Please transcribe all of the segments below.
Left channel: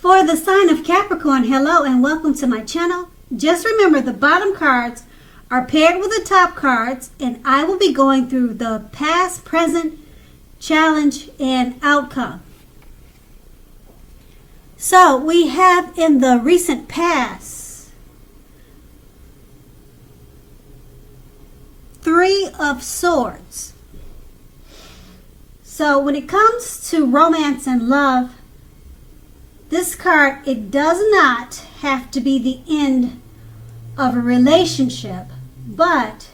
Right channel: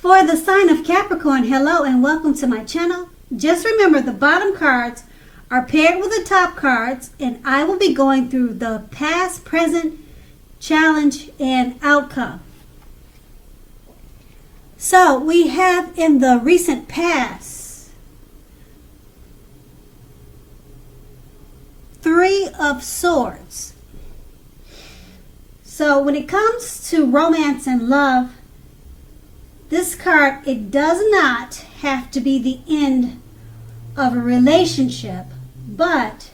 For the sign of Capricorn, hello and welcome to my channel. Just remember the bottom cards are paired with the top cards, and I will be going through the past, present, challenge, and outcome. So we have in the recent past 3 of Swords. So when it comes to romance and love, this card, it does not have to be the end of a relationship, but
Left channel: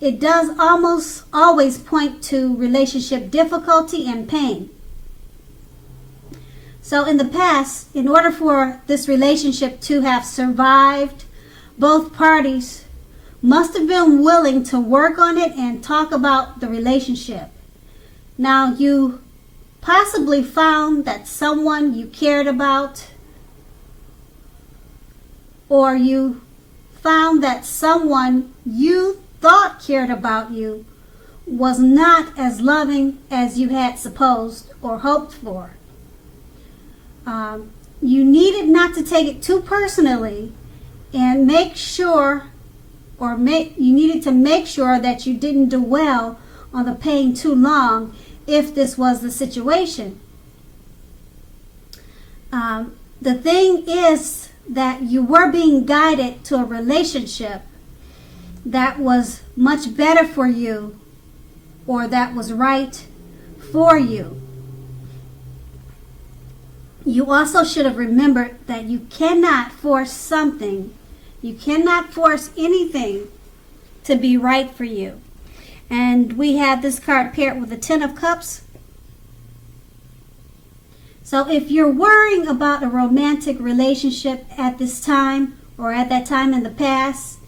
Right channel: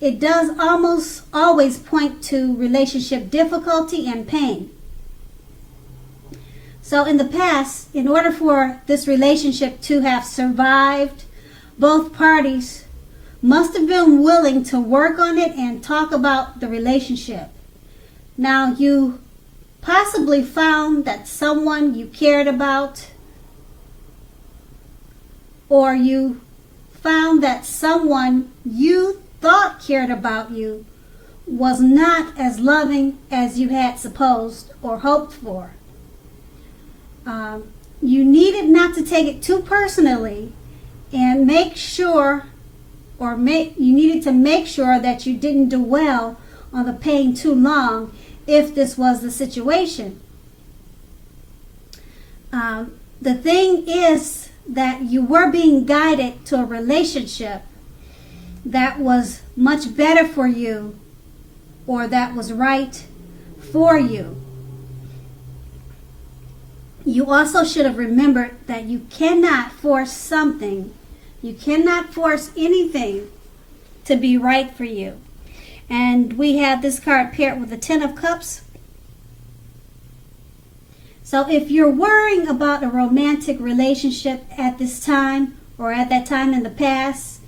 it does almost always point to relationship difficulty and pain. So in the past, in order for this relationship to have survived, both parties must have been willing to work on it and talk about the relationship. Now, you possibly found that someone you cared about, or you found that someone you thought cared about you was not as loving as you had supposed or hoped for. You needed not to take it too personally and make sure, you needed to make sure that you didn't dwell on the pain too long if this was the situation. The thing is that you were being guided to a relationship that was much better for you, or that was right for you. You also should have remembered that you cannot force something. You cannot force anything to be right for you. And we have this card paired with the 10 of Cups. So if you're worrying about a romantic relationship at this time, or at that time in the past,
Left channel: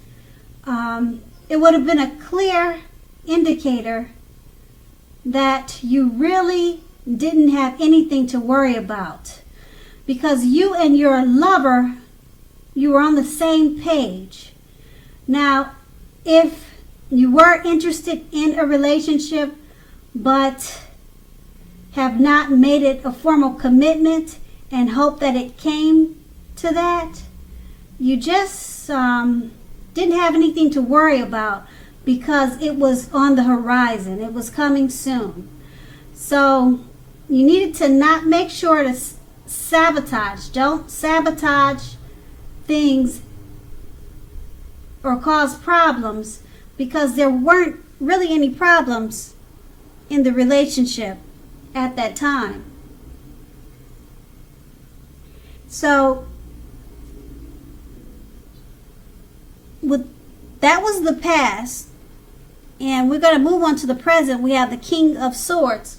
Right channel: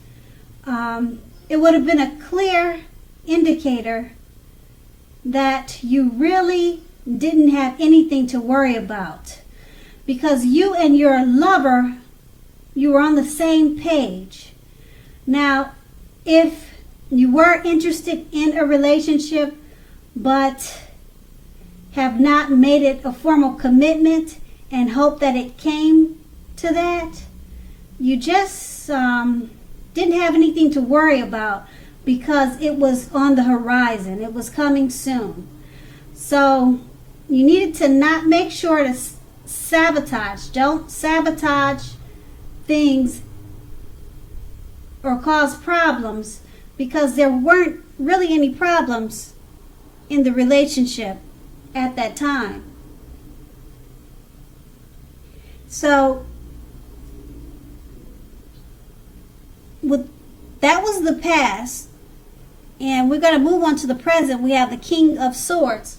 it would have been a clear indicator that you really didn't have anything to worry about, because you and your lover, you were on the same page. Now, if you were interested in a relationship but have not made it a formal commitment and hope that it came to that, you just didn't have anything to worry about because it was on the horizon. It was coming soon. So you needed to not make sure to sabotage. Don't sabotage things or cause problems, because there weren't really any problems in the relationship at that time. So that was the past, and we're going to move on to the present. We have the King of Swords.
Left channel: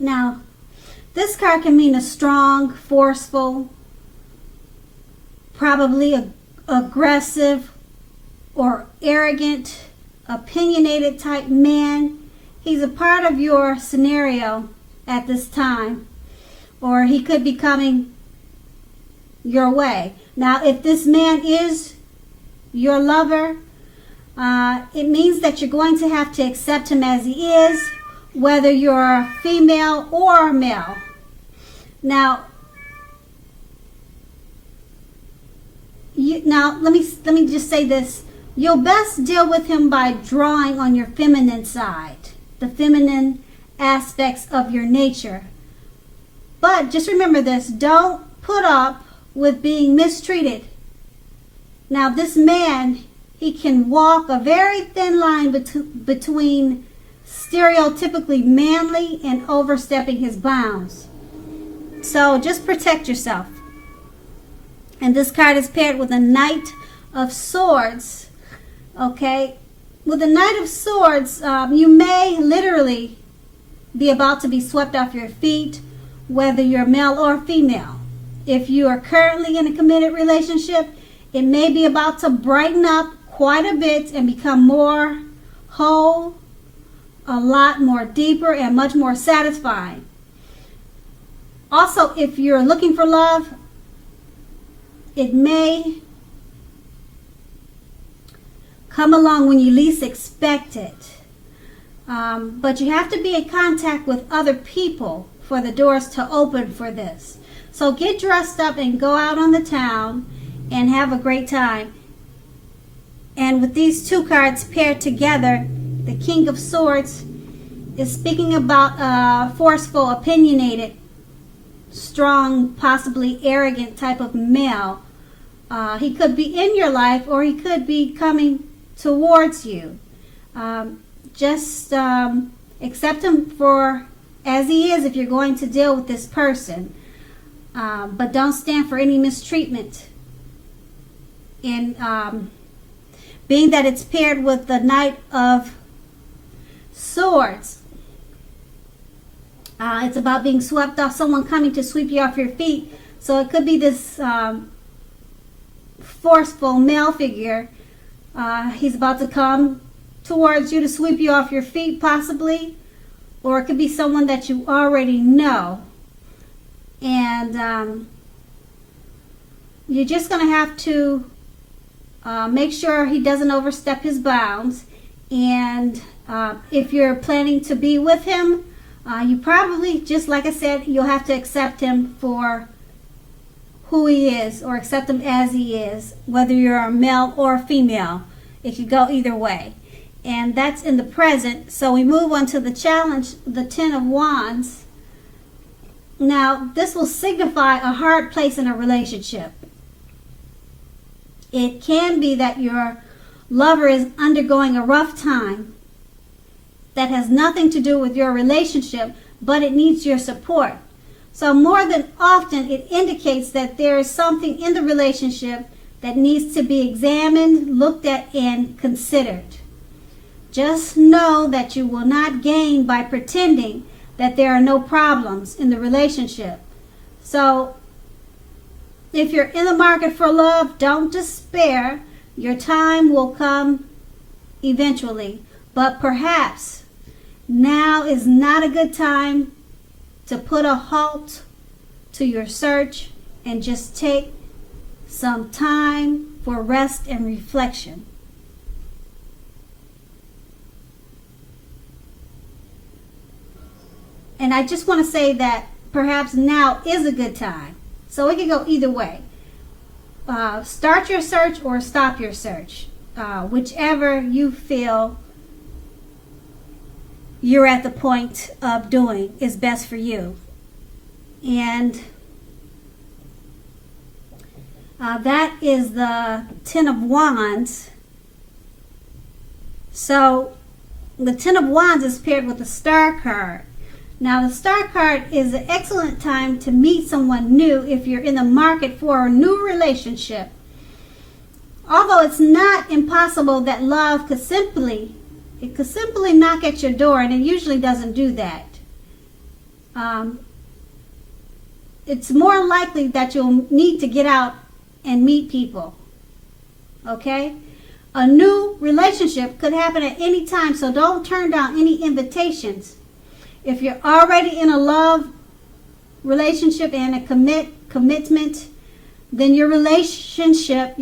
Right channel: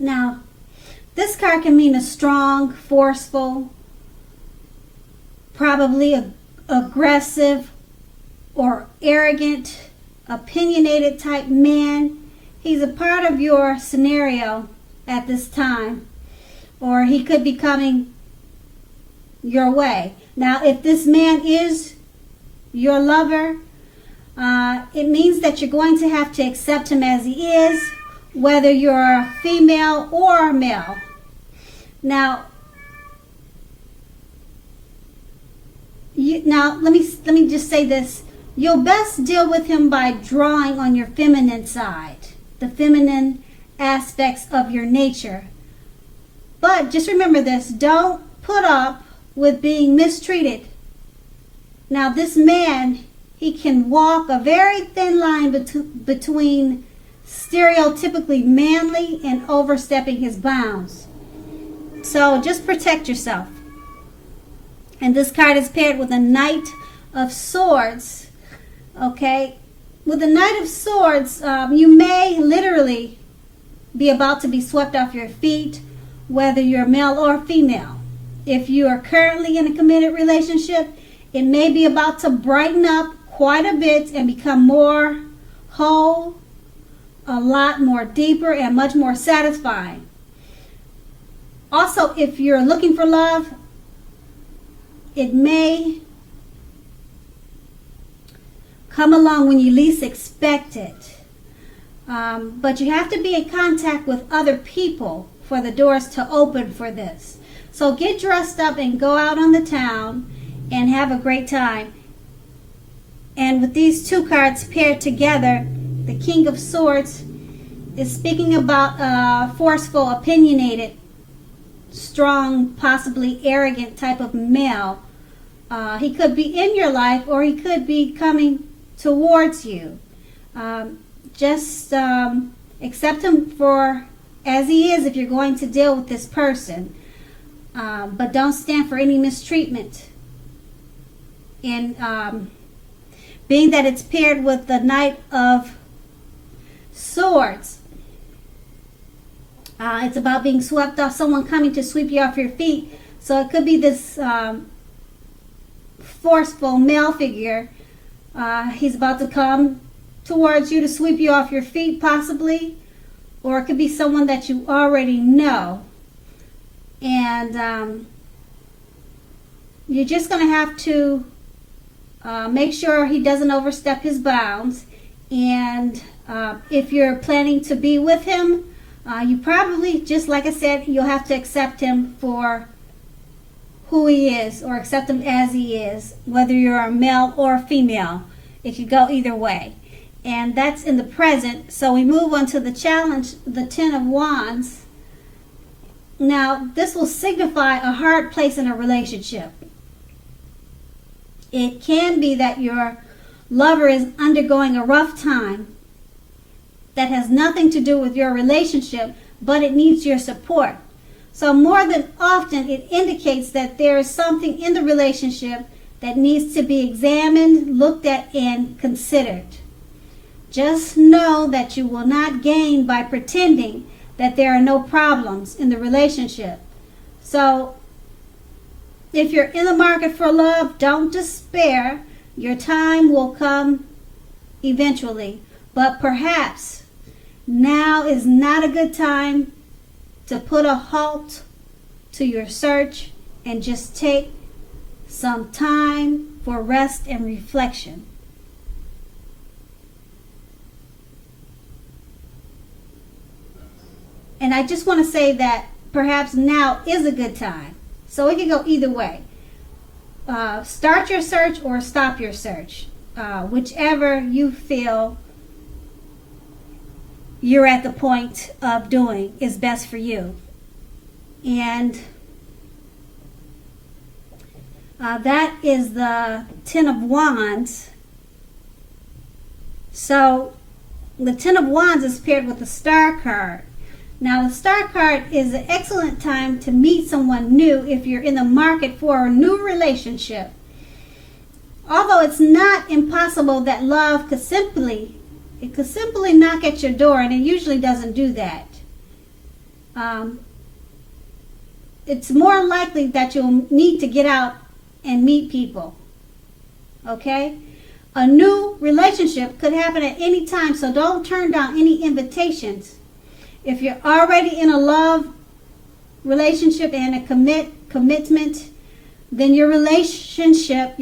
Now, this card can mean a strong, forceful, probably aggressive or arrogant, opinionated type man. He's a part of your scenario at this time, or he could be coming your way. Now, if this man is your lover, it means that you're going to have to accept him as he is, whether you're female or male. Now, let me just say this. You'll best deal with him by drawing on your feminine side, the feminine aspects of your nature. But just remember this, don't put up with being mistreated. Now, this man, he can walk a very thin line between stereotypically manly and overstepping his bounds. So just protect yourself. And this card is paired with a Knight of Swords. Okay, with the Knight of Swords, you may literally be about to be swept off your feet, whether you're male or female. If you are currently in a committed relationship, it may be about to brighten up quite a bit and become more whole, a lot more deeper, and much more satisfying. Also, if you're looking for love, it may come along when you least expect it. But you have to be in contact with other people for the doors to open for this. So get dressed up and go out on the town and have a great time. And with these two cards paired together, the King of Swords is speaking about a forceful, opinionated, strong, possibly arrogant type of male. He could be in your life or he could be coming towards you. Just accept him for as he is if you're going to deal with this person. But don't stand for any mistreatment. And being that it's paired with the Knight of Swords, it's about being swept off, someone coming to sweep you off your feet. So it could be this forceful male figure. He's about to come towards you to sweep you off your feet, possibly. Or it could be someone that you already know. And you're just going to have to make sure he doesn't overstep his bounds. And if you're planning to be with him, you probably, just like I said, you'll have to accept him for who he is, or accept him as he is, whether you're a male or a female. It could go either way. And that's in the present. So we move on to the challenge, the Ten of Wands. Now, this will signify a hard place in a relationship. It can be that your lover is undergoing a rough time that has nothing to do with your relationship, but it needs your support. So more than often, it indicates that there is something in the relationship that needs to be examined, looked at, and considered. Just know that you will not gain by pretending that there are no problems in the relationship. So if you're in the market for love, don't despair. Your time will come eventually. But perhaps now is not a good time to put a halt to your search and just take some time for rest and reflection. And I just want to say that perhaps now is a good time. So it can go either way. Start your search or stop your search. Whichever you feel you're at the point of doing is best for you. And that is the Ten of Wands. So the Ten of Wands is paired with the Star card. Now, the Star card is an excellent time to meet someone new if you're in the market for a new relationship. Although it's not impossible that love could simply knock at your door, and it usually doesn't do that. It's more likely that you'll need to get out and meet people. Okay? A new relationship could happen at any time, so don't turn down any invitations. If you're already in a love relationship and a commitment, then your relationship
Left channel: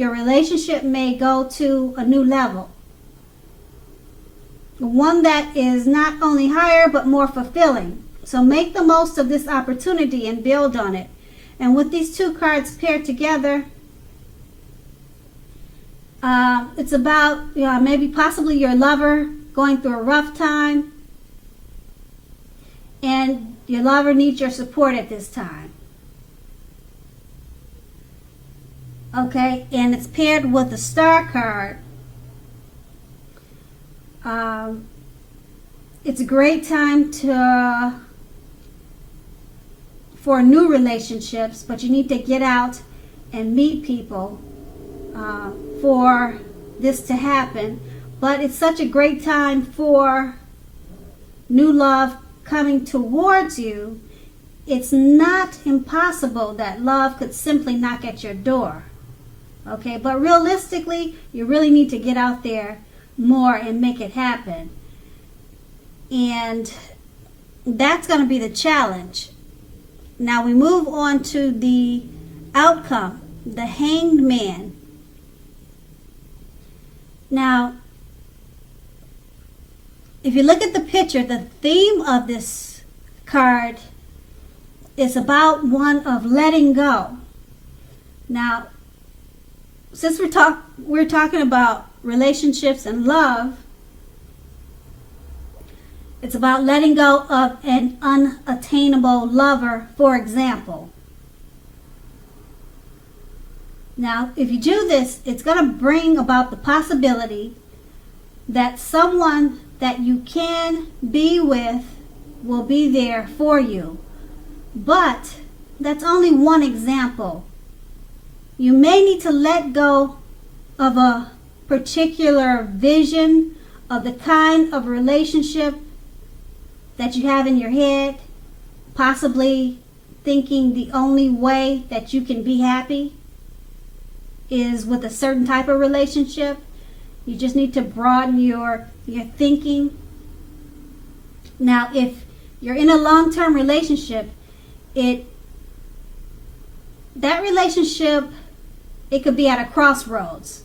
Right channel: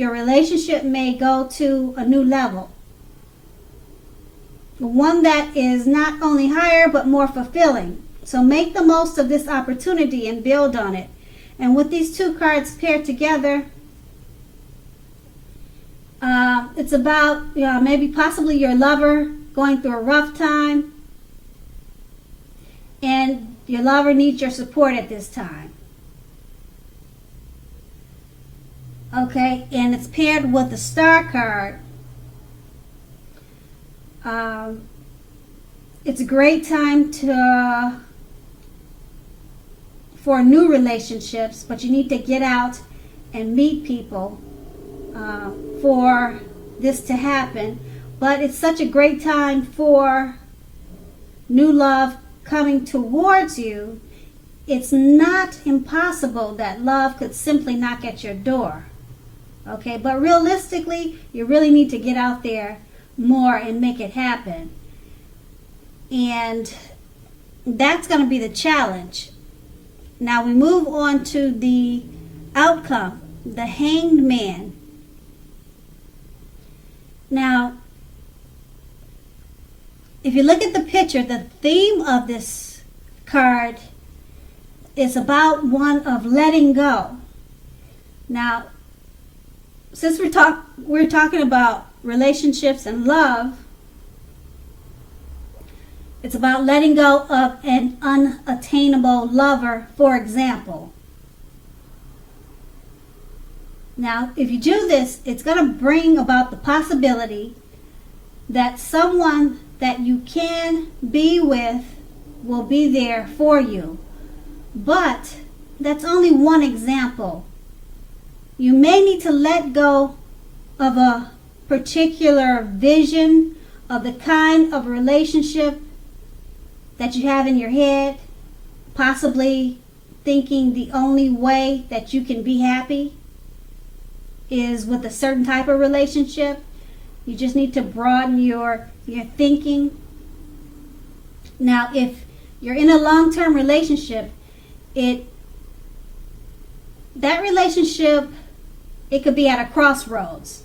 may go to a new level. One that is not only higher but more fulfilling. So make the most of this opportunity and build on it. And with these two cards paired together, it's about maybe possibly your lover going through a rough time. And your lover needs your support at this time. Okay, and it's paired with the Star card. It's a great time for new relationships, but you need to get out and meet people for this to happen. But it's such a great time for new love coming towards you. It's not impossible that love could simply knock at your door. Okay, but realistically, you really need to get out there more and make it happen. And that's going to be the challenge. Now we move on to the outcome, the Hanged Man. Now, if you look at the picture, the theme of this card is about one of letting go. Now, since we're talking about relationships and love, it's about letting go of an unattainable lover, for example. Now, if you do this, it's going to bring about the possibility that someone that you can be with will be there for you. But that's only one example. You may need to let go of a particular vision of the kind of relationship that you have in your head, possibly thinking the only way that you can be happy is with a certain type of relationship. You just need to broaden your thinking. Now, if you're in a long-term relationship, that relationship, it could be at a crossroads.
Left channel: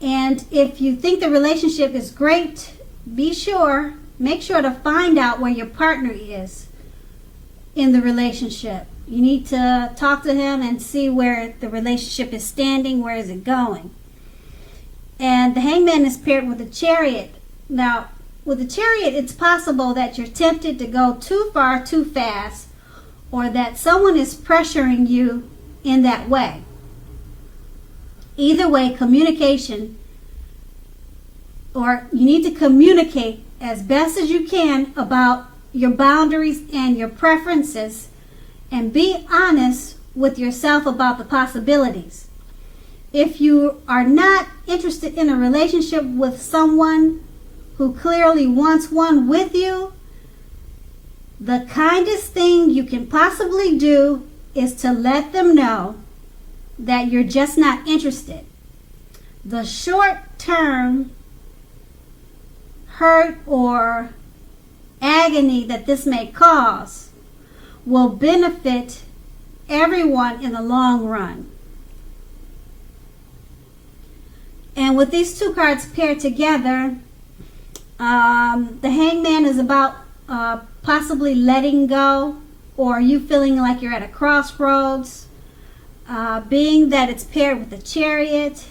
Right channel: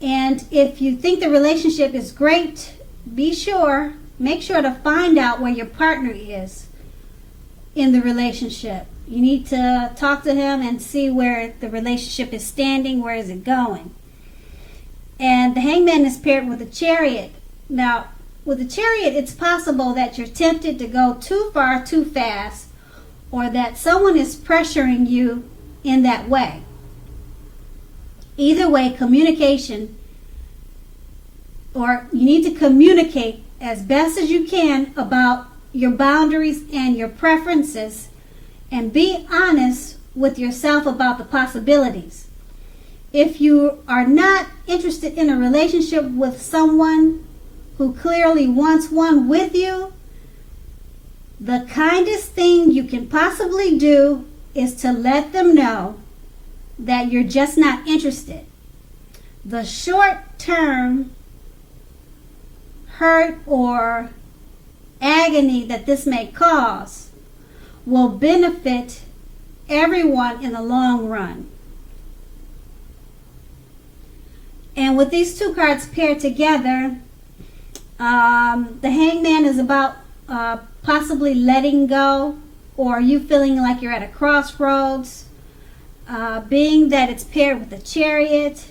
And if you think the relationship is great, make sure to find out where your partner is in the relationship. You need to talk to him and see where the relationship is standing, where is it going. And the Hangman is paired with a Chariot. Now, with a Chariot, it's possible that you're tempted to go too far, too fast, or that someone is pressuring you in that way. Either way, communication, or you need to communicate as best as you can about your boundaries and your preferences, and be honest with yourself about the possibilities. If you are not interested in a relationship with someone who clearly wants one with you, the kindest thing you can possibly do is to let them know that you're just not interested. The short-term hurt or agony that this may cause will benefit everyone in the long run. And with these two cards paired together, the Hangman is about possibly letting go, or you feeling like you're at a crossroads. Being that it's paired with the Chariot,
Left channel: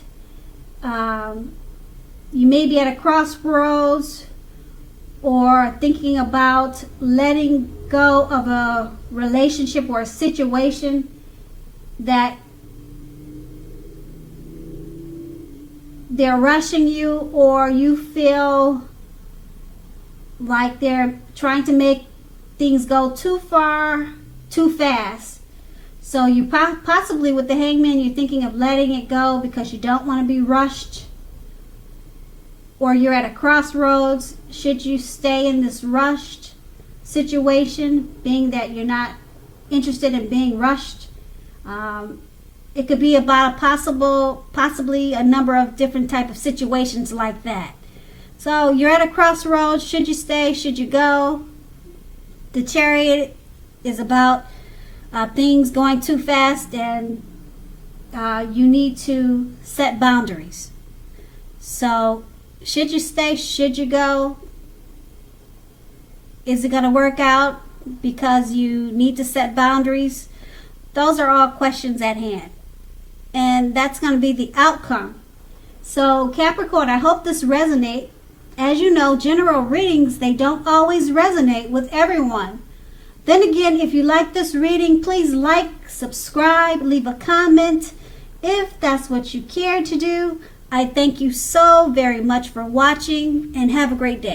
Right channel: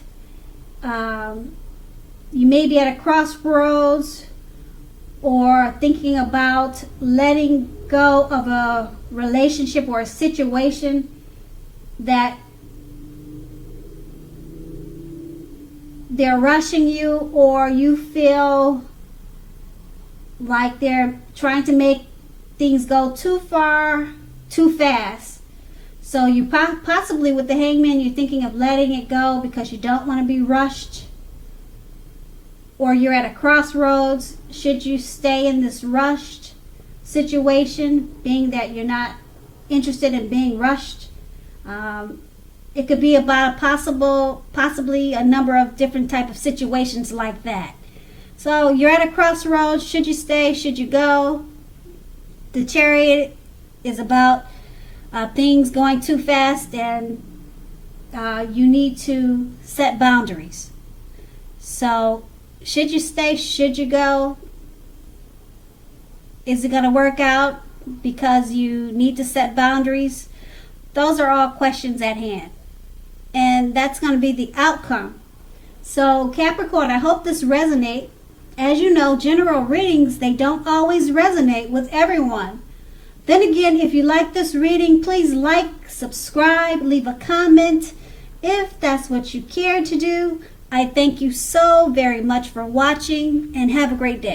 you may be at a crossroads or thinking about letting go of a relationship or a situation that they're rushing you, or you feel like they're trying to make things go too far, too fast. So you possibly, with the Hangman, you're thinking of letting it go because you don't want to be rushed, or you're at a crossroads. Should you stay in this rushed situation, being that you're not interested in being rushed? It could be about possibly a number of different type of situations like that. So you're at a crossroads. Should you stay? Should you go? The Chariot is about things going too fast, and you need to set boundaries. So should you stay? Should you go? Is it going to work out because you need to set boundaries? Those are all questions at hand. And that's going to be the outcome. So Capricorn, I hope this resonates. As you know, general readings, they don't always resonate with everyone. Then again, if you like this reading, please like, subscribe, leave a comment if that's what you care to do. I thank you so very much for watching, and have a great day.